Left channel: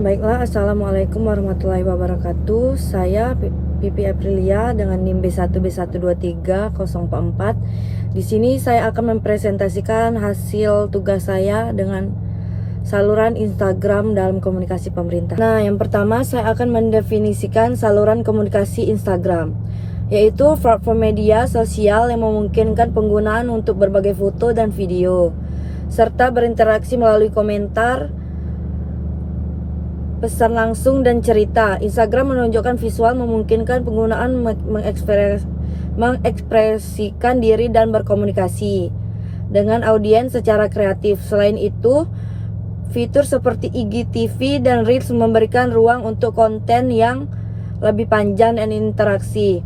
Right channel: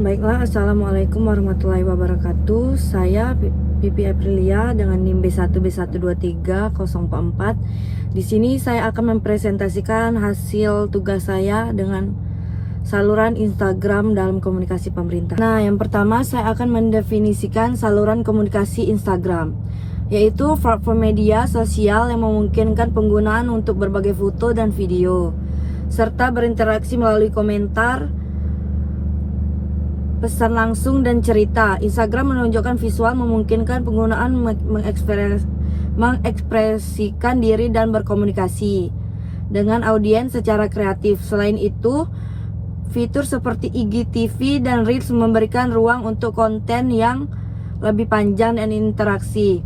Baiklah, Assalamualaikum warahmatullahi wabarakatuh. Saya Pipi Aprilia dengan NIM B1B12304. Di sini saya akan mempresentasikan hasil tugas saya dengan saluran Instagram dalam komunikasi pemerintah. Nah, yang pertama saya akan mendefinisikan saluran komunikasi Instagram, yaitu platform media sosial yang memungkinkan penggunaan untuk berbagai foto dan video, serta berinteraksi melalui komentar, pesan langsung, dan cerita. Instagram menunjukkan visual, memungkinkan penggunaan mengekspresikan diri dan berkomunikasi dengan audiens secara kreatif. Selain itu, fitur seperti IGTV dan Reels memberikan ruang untuk konten yang lebih panjang dan interaksi.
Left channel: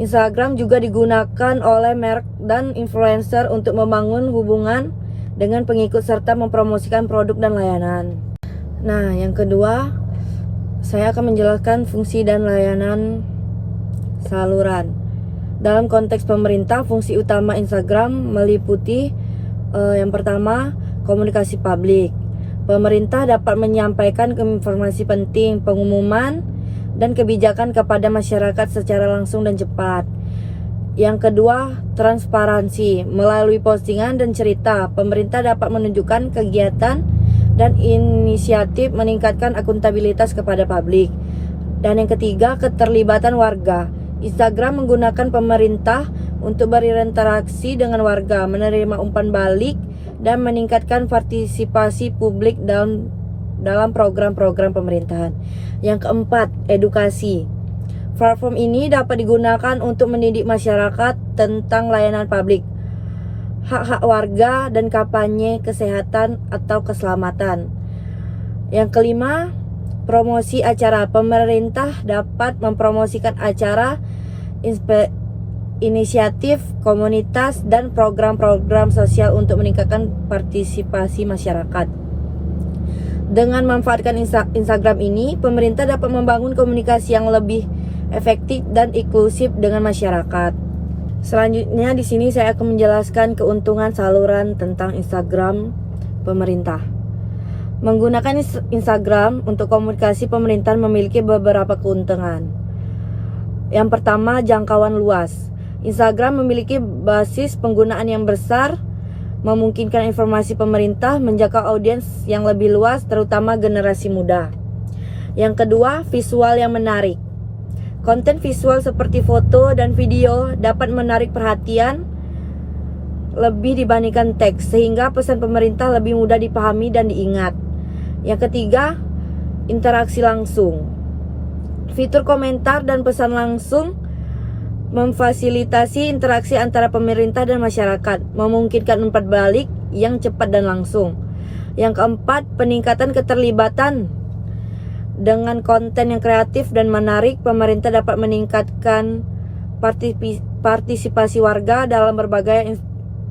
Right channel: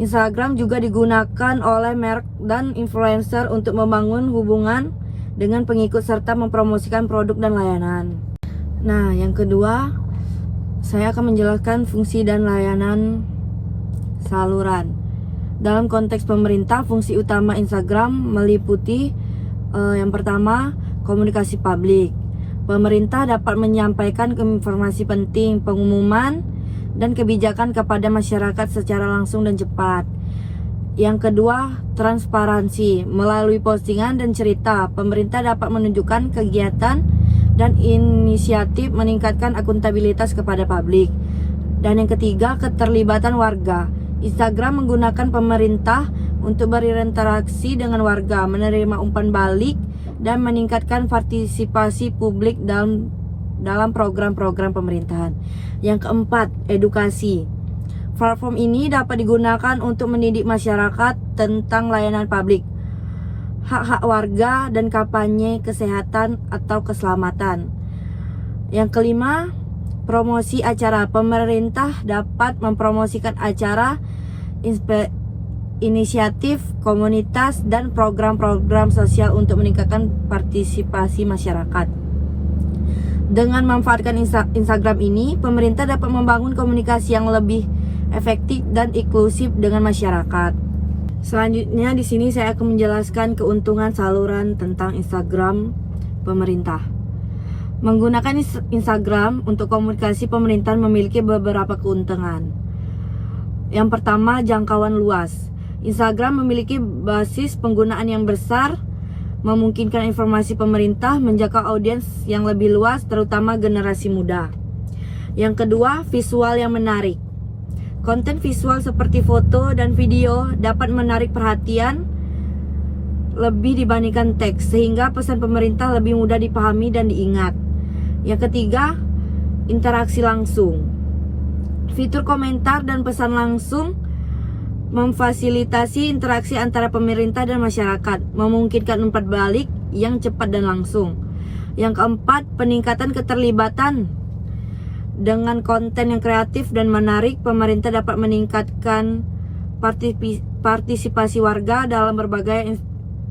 Instagram juga digunakan oleh merek dan influencer untuk membangun hubungan dengan pengikut serta mempromosikan produk dan layanan. Nah, yang kedua, saya akan menjelaskan fungsi dan layanan saluran. Dalam konteks pemerintah, fungsi utama Instagram meliputi yang pertama, komunikasi publik. Pemerintah dapat menyampaikan informasi penting, pengumuman, dan kebijakan kepada masyarakat secara langsung dan cepat. Yang kedua, transparansi. Melalui postingan dan cerita, pemerintah dapat menunjukkan kegiatan dan inisiatif, meningkatkan akuntabilitas kepada publik. Dan yang ketiga, keterlibatan warga. Instagram menggunakan pemerintah untuk berinteraksi dengan warga, menerima umpan balik, dan meningkatkan partisipasi publik dalam program-program pemerintahan. Yang keempat, edukasi. Platform ini dapat digunakan untuk mendidik masyarakat tentang layanan publik, hak-hak warga, dan kampanye kesehatan atau keselamatan. Yang kelima, promosi acara. Pemerintah dapat mempromosikan acara, inisiatif komunitas, dan program-program sosial untuk meningkatkan partisipasi masyarakat. Dengan memanfaatkan Instagram ini, pemerintah dapat membangun komunikasi yang lebih efektif dan inklusif dengan masyarakat. Selanjutnya di sini saya akan menjelaskan keuntungan saluran tentang Instagram pemerintah. Menggunakan Instagram untuk komunikasi pemerintahan memiliki beberapa keuntungan. Yang pertama, jangkauan luas. Instagram memiliki basis penggunaan yang besar, memungkinkan informasi pemerintah menjangkau audiens yang lebih luas, terutama generasi muda. Yang kedua, visual yang menarik. Konten visual seperti foto dan video dapat menarik perhatian lebih dibandingkan teks, sehingga pesan pemerintah lebih mudah dipahami dan diingat. Yang ketiga, interaksi langsung. Fitur komentar dan pesan langsung memfasilitasi interaksi antara pemerintah dan masyarakat, memungkinkan umpan balik yang cepat dan langsung. Yang keempat, peningkatan keterlibatan. Dengan konten yang kreatif dan menarik, pemerintah dapat meningkatkan partisipasi warga dalam berbagai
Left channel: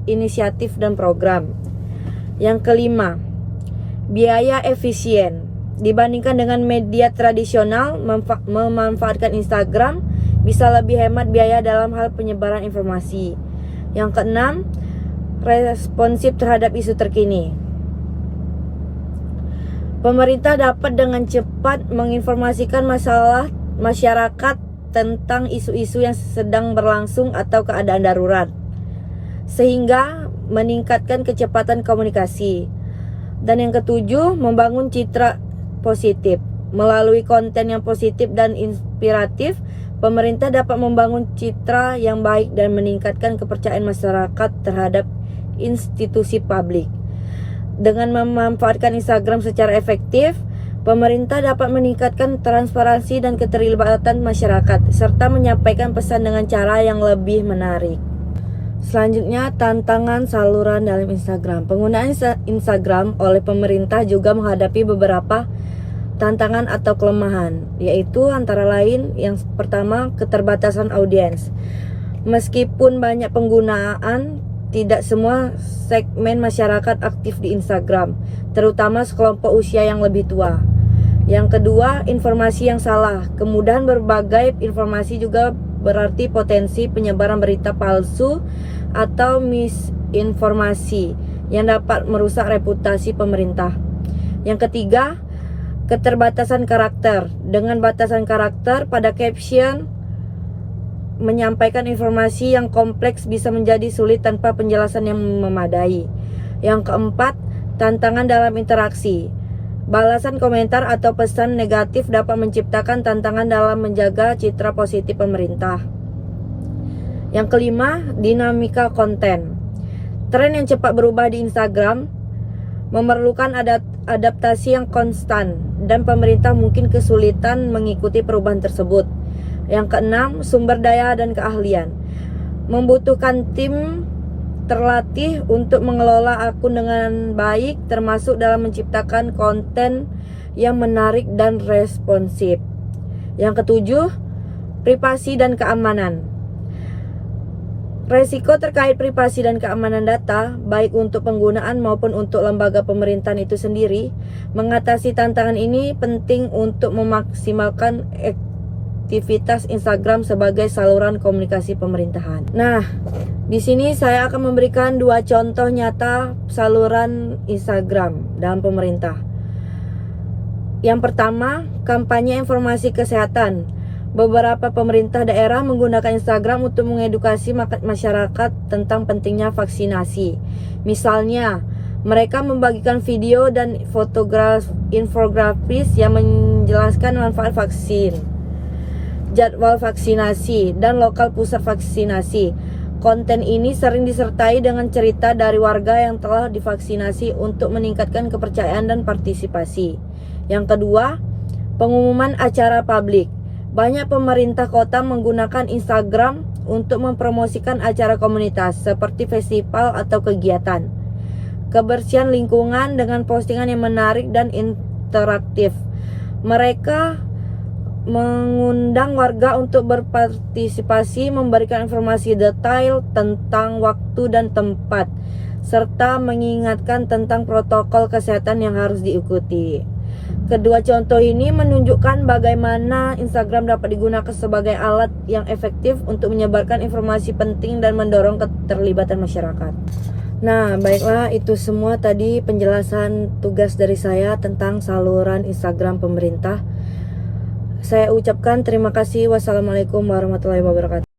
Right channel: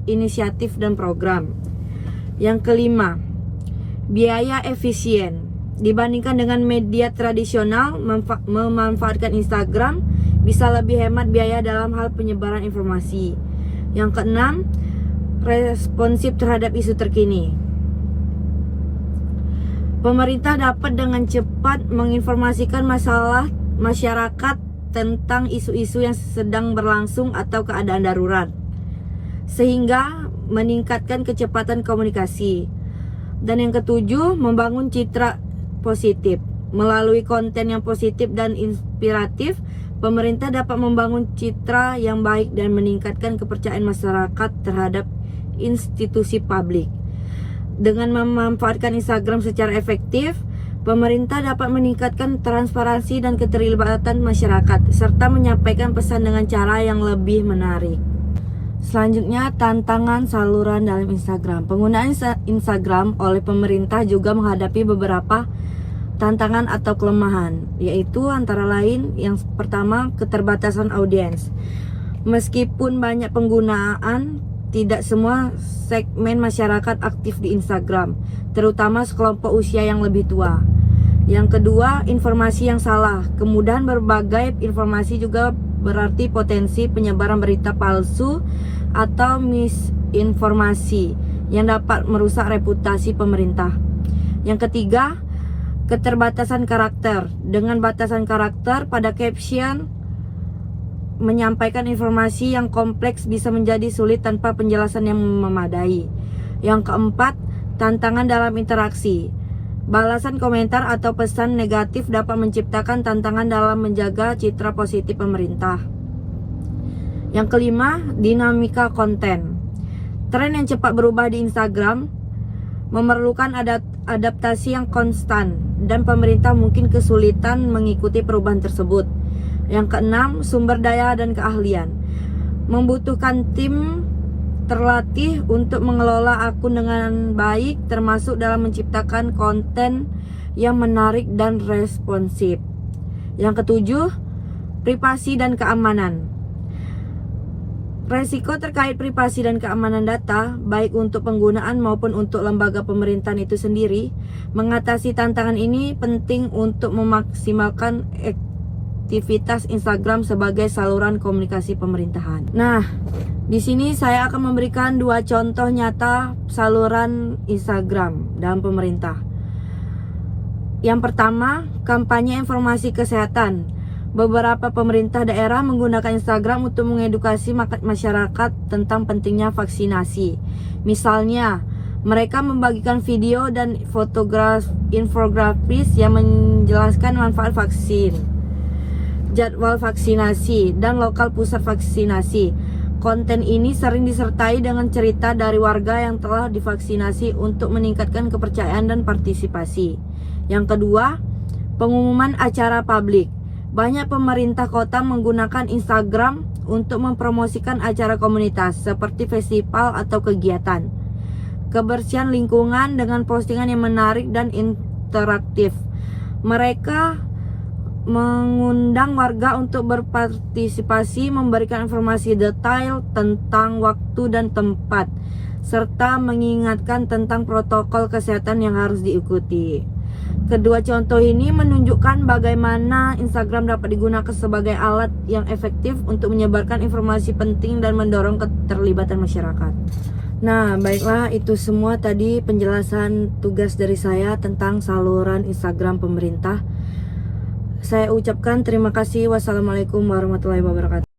inisiatif dan program. Yang kelima, biaya efisien. Dibandingkan dengan media tradisional, memanfaatkan Instagram bisa lebih hemat biaya dalam hal penyebaran informasi. Yang keenam, responsif terhadap isu terkini. Pemerintah dapat dengan cepat menginformasikan masalah masyarakat tentang isu-isu yang sedang berlangsung atau keadaan darurat, sehingga meningkatkan kecepatan komunikasi. Dan yang ketujuh, membangun citra positif. Melalui konten yang positif dan inspiratif, pemerintah dapat membangun citra yang baik dan meningkatkan kepercayaan masyarakat terhadap institusi publik. Dengan memanfaatkan Instagram secara efektif, pemerintah dapat meningkatkan transparansi dan keterlibatan masyarakat, serta menyampaikan pesan dengan cara yang lebih menarik. Selanjutnya, tantangan saluran dalam Instagram. Penggunaan Instagram oleh pemerintah juga menghadapi beberapa tantangan atau kelemahan, yaitu antara lain yang pertama, keterbatasan audiens. Meskipun banyak penggunaan, tidak semua segmen masyarakat aktif di Instagram, terutama sekelompok usia yang lebih tua. Yang kedua, informasi yang salah. Kemudahan berbagai informasi juga berarti potensi penyebaran berita palsu atau misinformasi yang dapat merusak reputasi pemerintah. Yang ketiga, Keterbatasan karakter. Dengan batasan karakter pada caption, menyampaikan informasi yang kompleks bisa menjadi sulit tanpa penjelasan yang memadai. Yang keempat, tantangan dalam interaksi. Balasan komentar atau pesan negatif dapat menciptakan tantangan dalam menjaga citra positif pemerintah. Yang kelima, dinamika konten. Tren yang cepat berubah di Instagram memerlukan adaptasi yang konstan dan pemerintah mungkin kesulitan mengikuti perubahan tersebut. Yang keenam, sumber daya dan keahlian. Membutuhkan tim terlatih untuk mengelola akun dengan baik, termasuk dalam menciptakan konten yang menarik dan responsif. Yang ketujuh, privasi dan keamanan. Resiko terkait privasi dan keamanan data, baik untuk penggunaan maupun untuk lembaga pemerintahan itu sendiri. Mengatasi tantangan ini penting untuk memaksimalkan aktivitas Instagram sebagai saluran komunikasi pemerintahan. Nah, di sini saya akan memberikan 2 contoh nyata saluran Instagram dalam pemerintah. Yang pertama, kampanye informasi kesehatan. Beberapa pemerintah daerah menggunakan Instagram untuk mengedukasi masyarakat tentang pentingnya vaksinasi. Misalnya, mereka membagikan video dan infografis yang menjelaskan manfaat vaksin, jadwal vaksinasi, dan lokal pusat vaksinasi. Konten ini sering disertai dengan cerita dari warga yang telah divaksinasi untuk meningkatkan kepercayaan dan partisipasi. Yang kedua, pengumuman acara publik. Banyak pemerintah kota menggunakan Instagram untuk mempromosikan acara komunitas seperti festival atau kegiatan kebersihan lingkungan dengan postingan yang menarik dan interaktif. Mereka mengundang warga untuk berpartisipasi, memberikan informasi detail tentang waktu dan tempat, serta mengingatkan tentang protokol kesehatan yang harus diikuti. Kedua contoh ini menunjukkan bagaimana Instagram dapat digunakan sebagai alat yang efektif untuk menyebarkan informasi penting dan mendorong keterlibatan masyarakat. Nah, baiklah, itu semua tadi penjelasan tugas dari saya tentang saluran Instagram pemerintah. Saya ucapkan terima kasih. Wassalamualaikum warahmatullahi wabarakatuh.